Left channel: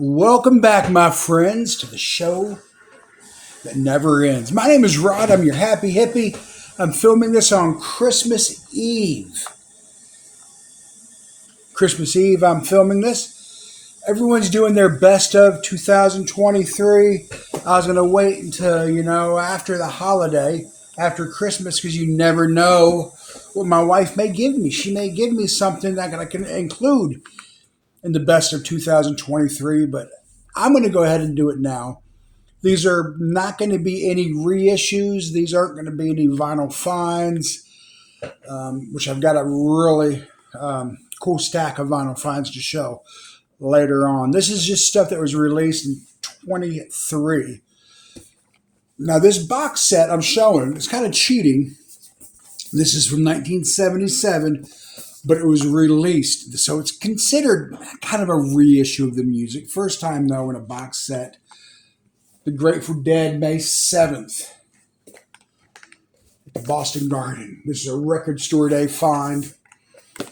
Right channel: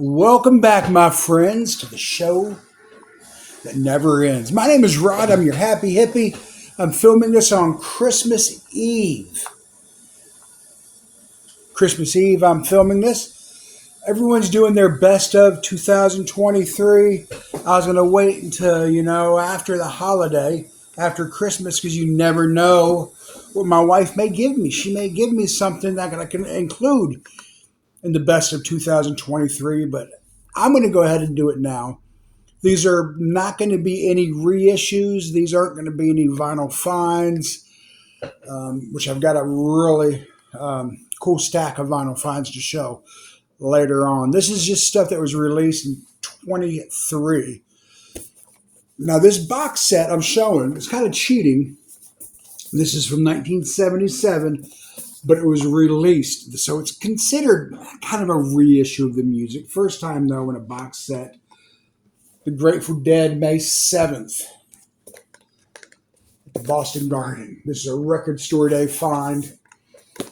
Welcome back, my friends, to the show that never ends. My name is Rod. I'm your happy hippie. I'm filming this on Christmas Eve. Christmas Eve, I'm filming this. Everyone's doing their best of 2023. I was going to wait until, after the holiday, after Christmas, because you never know what my wife may give me. She may give me something that I can include in the best of 2023, but I'm going to go ahead and do it now. These are not going to be any reissues. These aren't going to be any vinyl finds, which I've got a really cool stack of vinyl finds to show later on. This is just stuff that was released in 23. Now, this box set I'm showing, it's kind of cheating. This is from 1977, but it was released. So it's considered kind of a reissue of the music. First time, though, in a box set. The Grateful Dead, May 7th. At the Boston Garden. This is a Record Store Day find.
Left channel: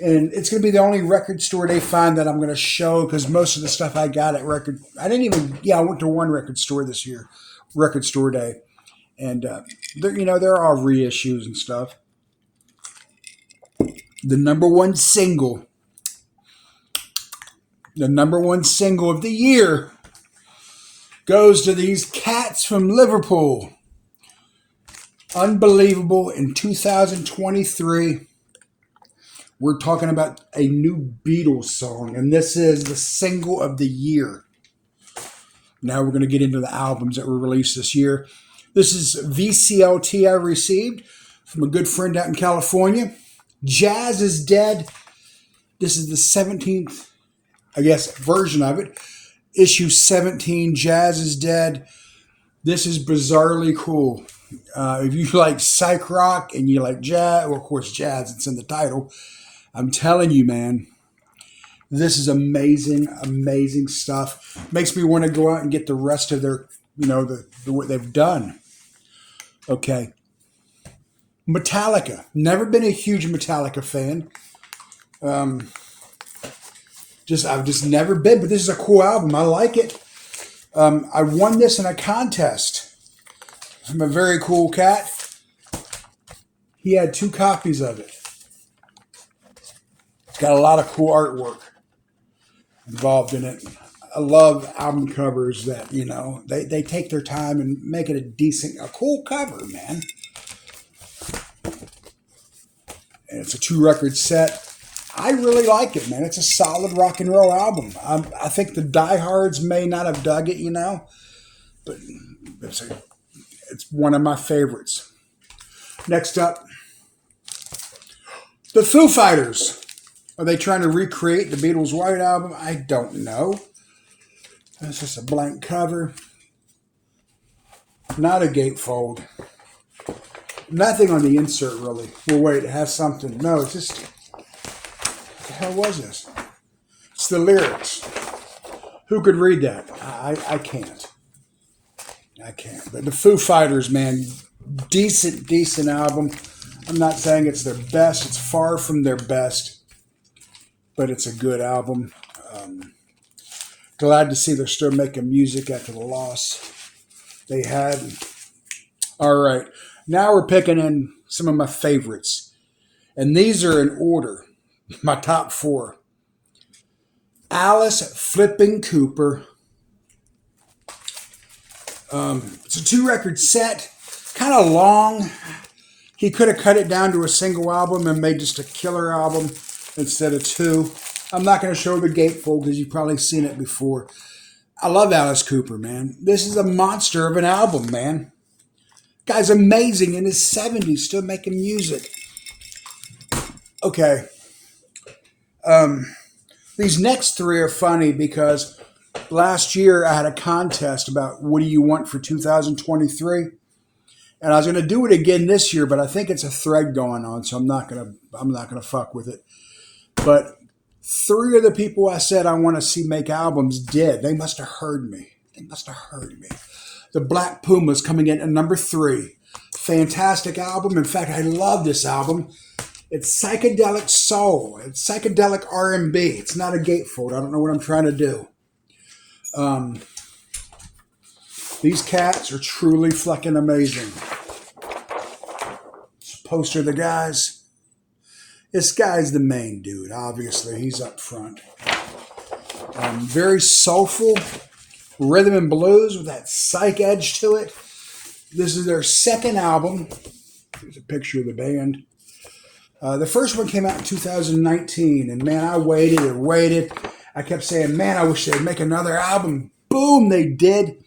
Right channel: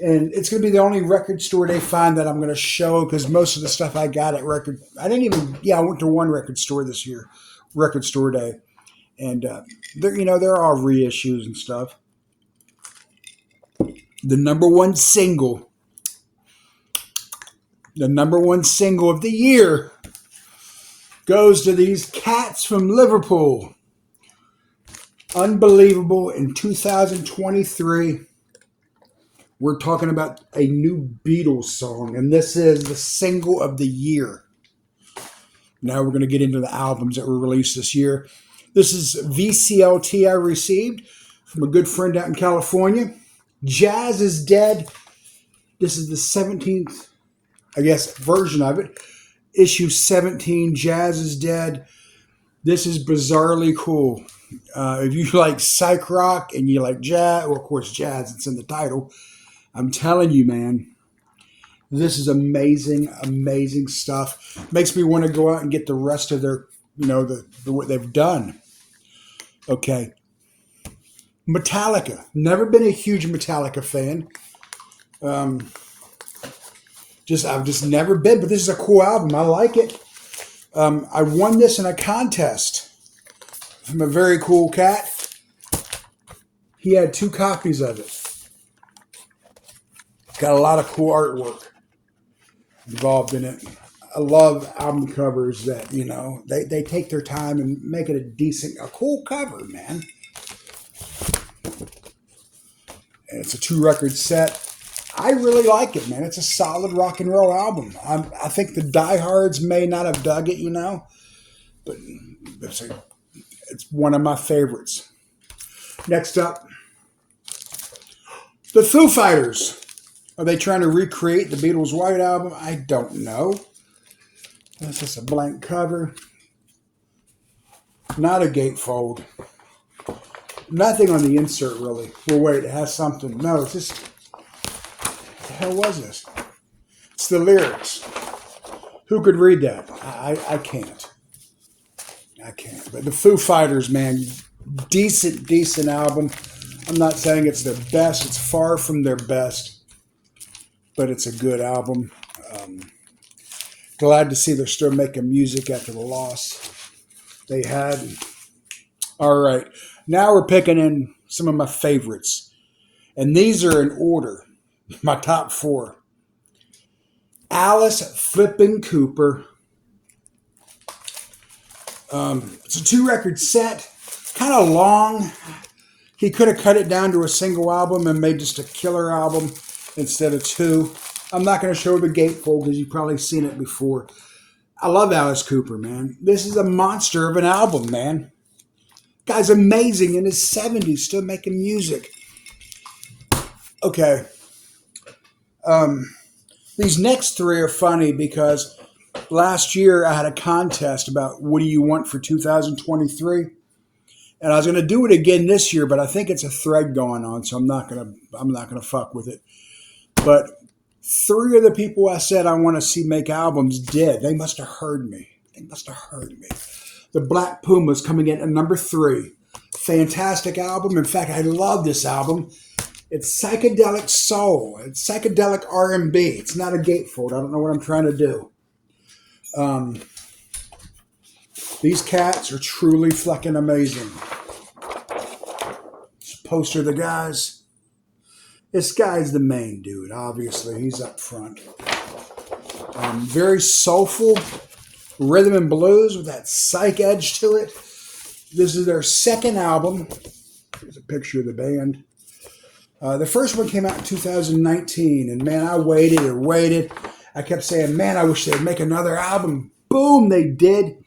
And it's going to be the only Record Store Day find that I'm going to show because most of the stuff I got at I went to one record store this year, Record Store Day. And, they're all reissues and stuff. The number one single of the year goes to these cats from Liverpool. Unbelievable. In 2023, we're talking about a new Beatles song, and this is the single of the year. Now we're going to get into the albums that were released this year. This is VCLT I received from a good friend out in California. Jazz is Dead. This is the 17th, version of it. Issue 17, Jazz is Dead. This is bizarrely cool. If you like psych rock and you like jazz, well, of course, jazz, it's in the title. I'm telling you, man, this is amazing, amazing stuff. Makes me want to go out and get the rest of their, what they've done. Okay. Metallica. Never been a huge Metallica fan. I've just never been, but this is a cool album. I like it. I won this in a contest from a very cool cat. He had 2 copies of it. Got a lot of cool artwork involved in it. I love album covers that, they take their time and make it a cool cover, man. And it's a 2-record set. I really like it, man. It's a solid rock and roll album. I think the diehards may not have dug it, but it's one of my favorites. Next up, the Foo Fighters. Are they trying to recreate the Beatles' White Album? I don't know. That's just a blank cover. Not a gatefold. Nothing on the insert, really. Well, wait, it has something. No, it's just... What the hell was this? It's the lyrics. Who could read that? I can't. I can't. But the Foo Fighters, man, decent album. I'm not saying it's their best. It's far from their best. But it's a good album. Glad to see they're still making music after the loss they had. All right. Now we're picking in some of my favorites. And these are in order. My top 4. Alice Flippin' Cooper. It's a 2-record set. Kind of long. He could have cut it down to a single album and made just a killer album instead of 2. I'm not going to show the gatefold because you've probably seen it before. I love Alice Cooper, man. This is a monster of an album, man. Guy's amazing in his 70s, still making music. Okay. These next 3 are funny because last year I had a contest about what do you want for 2023, and I was going to do it again this year, but I think it's a thread going on, so I'm not gonna fuck with it. But 3 of the people I said I want to see make albums did. They must have heard me. The Black Pumas coming in at number 3. Fantastic album. In fact, I love this album. It's psychedelic soul. It's psychedelic R&B. It's not a gatefold. I don't know what I'm trying to do. Um, these cats are truly fucking amazing. This poster of the guys. This guy's the main dude, obviously. He's up front. Very soulful, rhythm and blues with that psych edge to it. This is their second album. Here's a picture of the band. The first one came out in 2019, and man, I waited and waited. I kept saying, man, I wish they'd make another album. Boom, they did.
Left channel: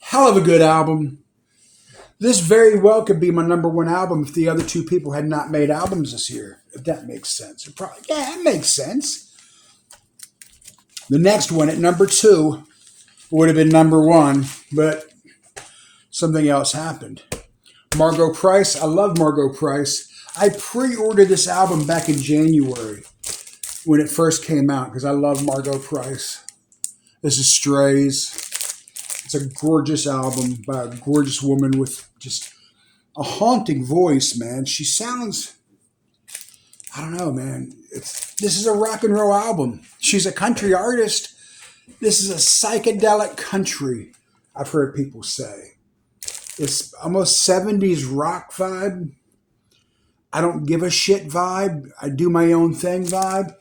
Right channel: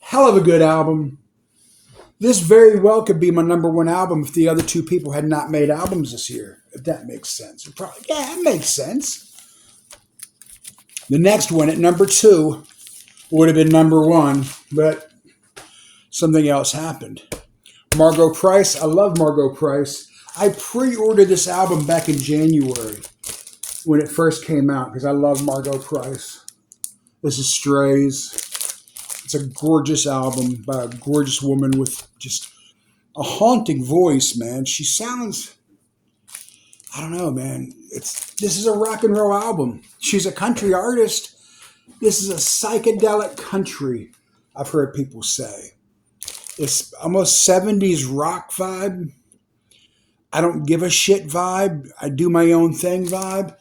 Hell of a good album. This very well could be my number one album if the other two people had not made albums this year. If that makes sense. Yeah, it makes sense. The next one at number 2 would have been number 1, but something else happened. Margo Price. I love Margo Price. I pre-ordered this album back in January when it first came out because I love Margo Price. This is Strays. It's a gorgeous album by a gorgeous woman with just a haunting voice, man. She sounds, I don't know, man. This is a rock and roll album. She's a country artist. This is a psychedelic country, I've heard people say. It's almost 70s rock vibe. I don't give a shit vibe. I do my own thing vibe.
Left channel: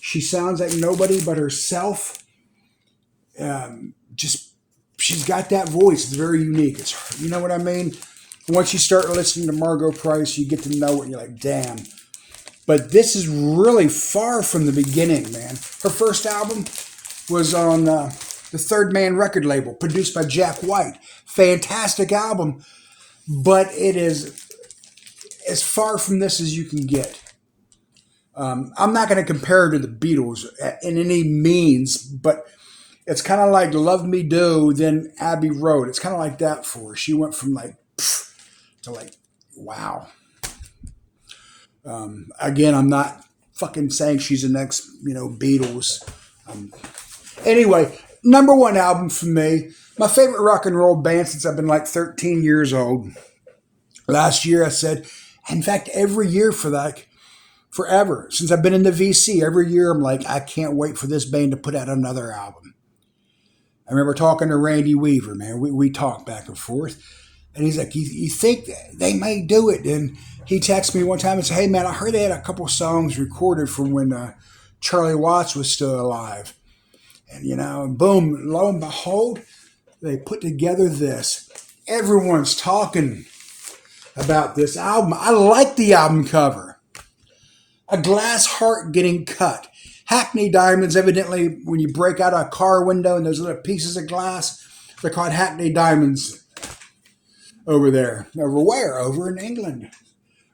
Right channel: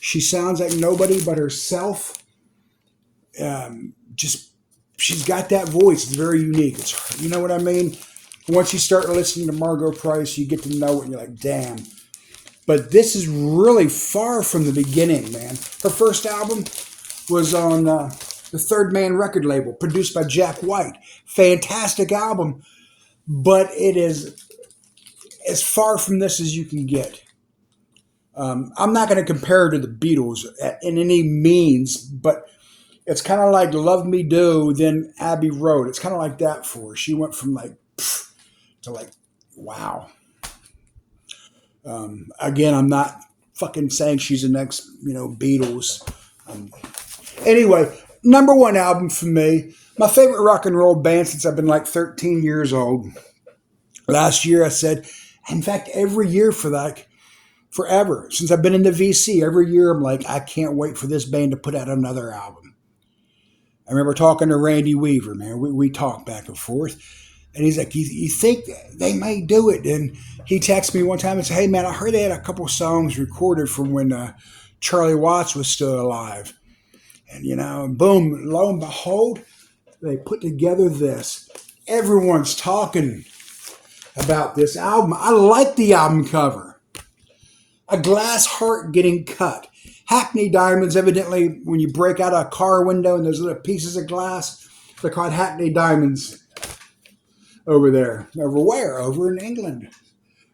She sounds like nobody but herself. She's got that voice. It's very unique. You know what I mean? Once you start listening to Margo Price, you get to know it and you're like, damn. But this is really far from the beginning, man. Her first album was on the Third Man record label, produced by Jack White. Fantastic album, but it is as far from this as you can get. I'm not going to compare her to the Beatles in any means, but it's kind of like Love Me Do, then Abbey Road. It's kind of like that for her. She went from like, to like, wow. Again, I'm not fucking saying she's the next, Beatles. Anyway, number 1 album for me. My favorite rock and roll band since I've been like 13 years old. Last year I said, in fact, every year for like forever, since I've been in the VC, every year I'm like, I can't wait for this band to put out another album. I remember talking to Randy Weaver, man. We talked back and forth. And he's like, you think they may do it? And he texted me one time and said, hey, man, I heard they had a couple songs recorded from when Charlie Watts was still alive. And, boom, lo and behold, they put together this. Everyone's talking about this album. I like the album cover. A glass heart getting cut. Hackney diamonds, evidently, when you break out a car window and those little pieces of glass, they're called Hackney diamonds over there. Over where? Over in England.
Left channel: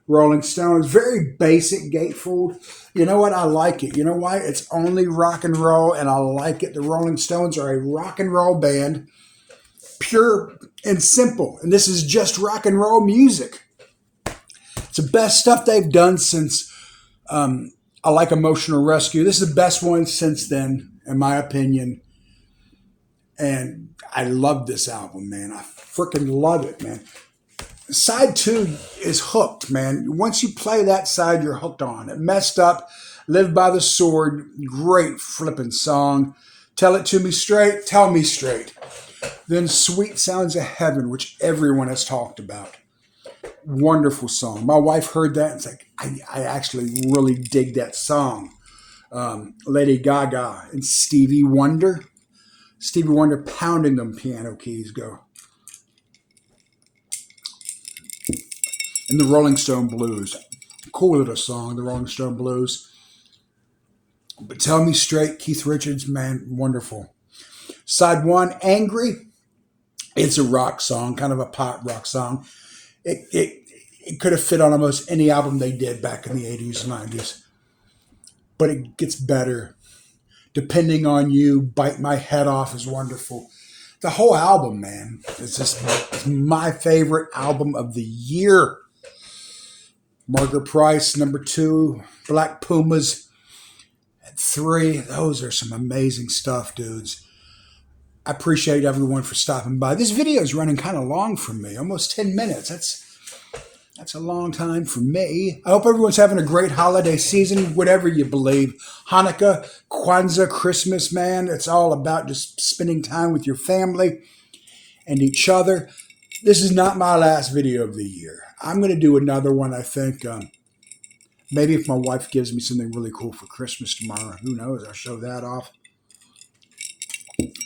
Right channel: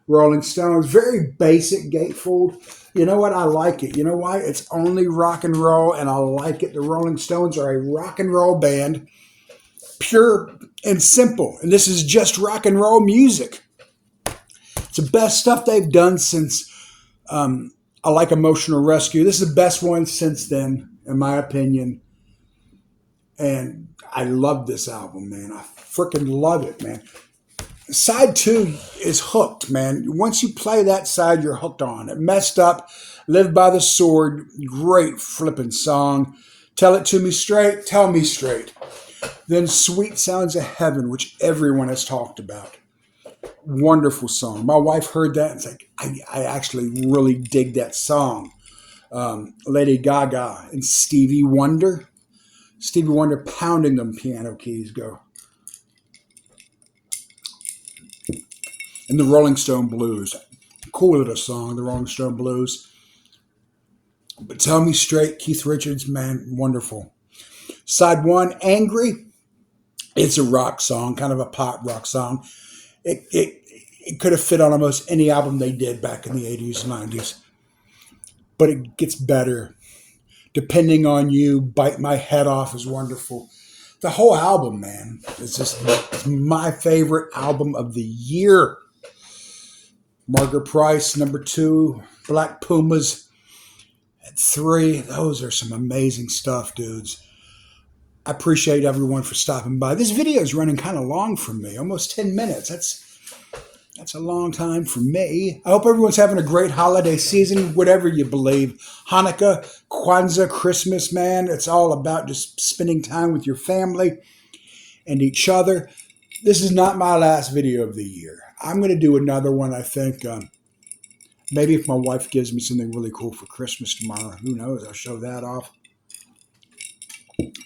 Rolling Stones, very basic gatefold. You know what? I like it. You know why? It's only rock and roll, and I like it. The Rolling Stones are a rock and roll band, pure and simple. And this is just rock and roll music. It's the best stuff they've done since I Like Emotional Rescue. This is the best one since then, in my opinion. And I love this album, man. I freaking love it, man. Side 2 is hooked, man. Once you play that side, you're hooked on it. Messed Up, Live by the Sword, great flipping song. Tell It to Me Straight, Tell Me Straight. Then Sweet Sounds of Heaven, which everyone has talked about. Wonderful song. My wife heard that and it's like, I actually really dig that song. Lady Gaga and Stevie Wonder. Stevie Wonder pounding them piano keys go. And the Rolling Stone Blues. Cool little song, the Rolling Stone Blues. But Tell Me Straight, Keith Richards, man, wonderful. Side 1, Angry. It's a rock song, kind of a pop rock song. It could have fit on almost any album they did back in the 80s and 90s. But it gets better. Depending on You, Bite My Head Off is wonderful. The whole album, man, it's my favorite album of the year. Margaret Price, number 2. Black Pumas at 3. Those are some amazing stuff, dudes. I appreciate everyone for stopping by. This video is running kind of long for me, almost 10 minutes. That's a long time for me. I hope everyone's having a great holiday season, whatever you believe. Hanukkah, Kwanzaa, Christmas, man. It's all about just spending time with your family and each other. This is not my last video of the year. I'm going to do another one, I think. Maybe if my wife gives me something really cool for Christmas tomorrow. Who knows? I'll show that off.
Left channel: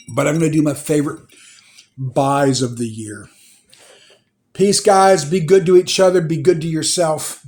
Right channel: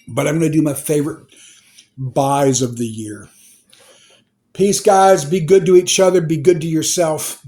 But I'm going to do my favorite buys of the year. Peace, guys. Be good to each other. Be good to yourself.